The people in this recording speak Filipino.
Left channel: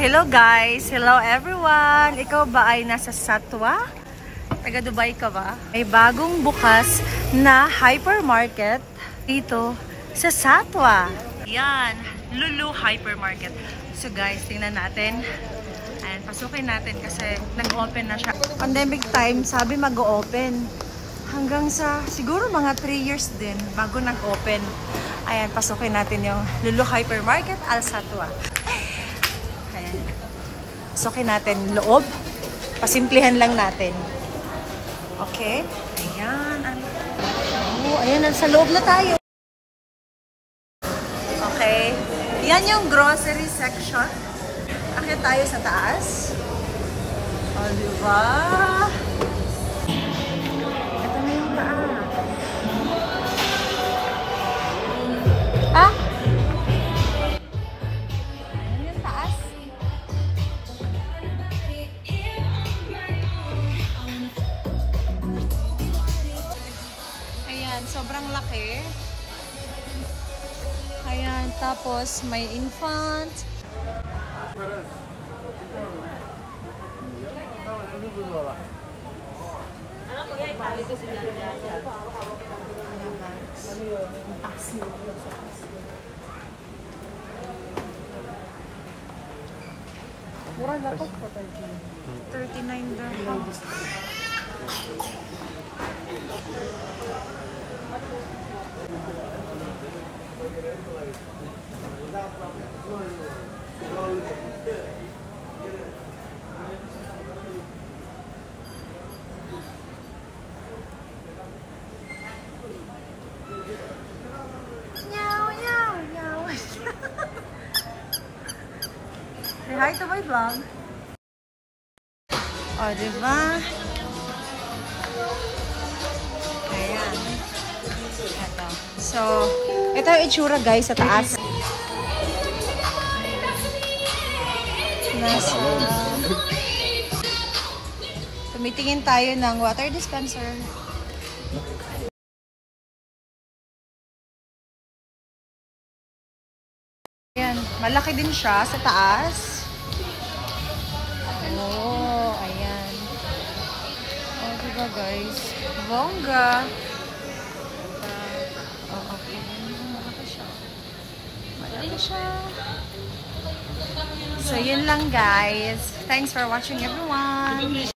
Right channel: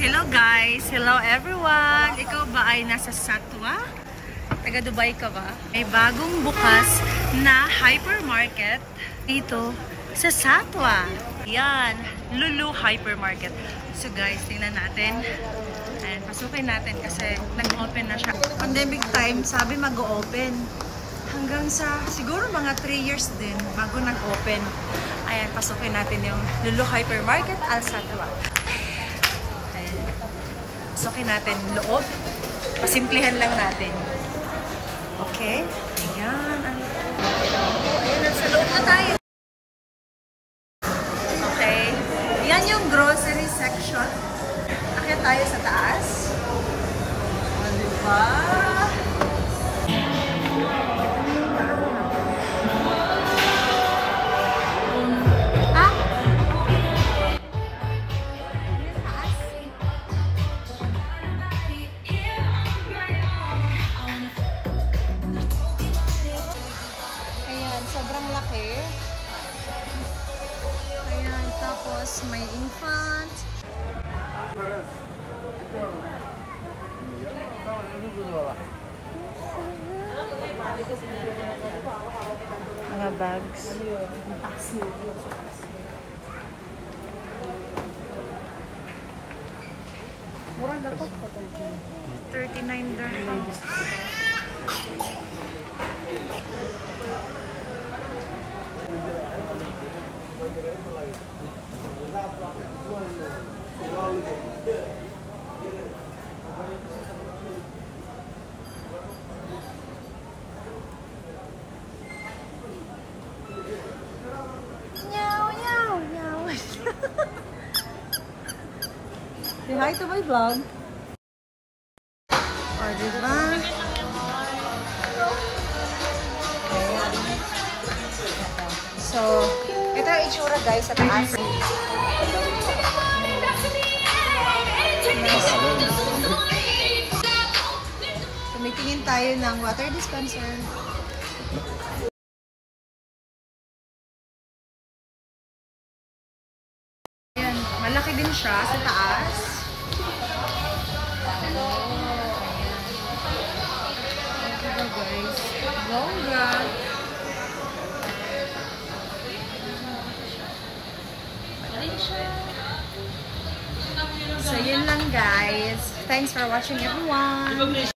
hello guys! Hello everyone! Ikaw ba ay nasa Satwa? Taga Dubai ka ba? May bagong bukas na hypermarket dito sa Satwa. Yan, Lulu Hypermarket. So guys, tingnan natin. Ayan, pasukin natin kasi nag-open na siya. Pandemic time, sabi mag-open. Hanggang sa siguro mga 3 years din bago nag-open. Ayan, pasukin natin yung Lulu Hypermarket Al Satwa. Pasukin natin loob. Pasimplihan lang natin. Okay? Ayan. Ayan, sa loob na tayo. Okay. Yan yung grocery section. Akyat tayo sa taas. O, diba? Ito na yung taas. Ah? Yung taas? Ayan, sobrang laki. Ayan, tapos may infant. Mga bags. Mura na po. 39 dirhams. Say hi to my vlog. O, diba? Ayan. Ito. So, ito yung itsura guys sa taas. Yes. Tumitingin tayo ng water dispenser. Ayan. Malaki din siya sa taas. Guys, bongga. Malaki siya. So, yun lang guys. Thanks for watching everyone.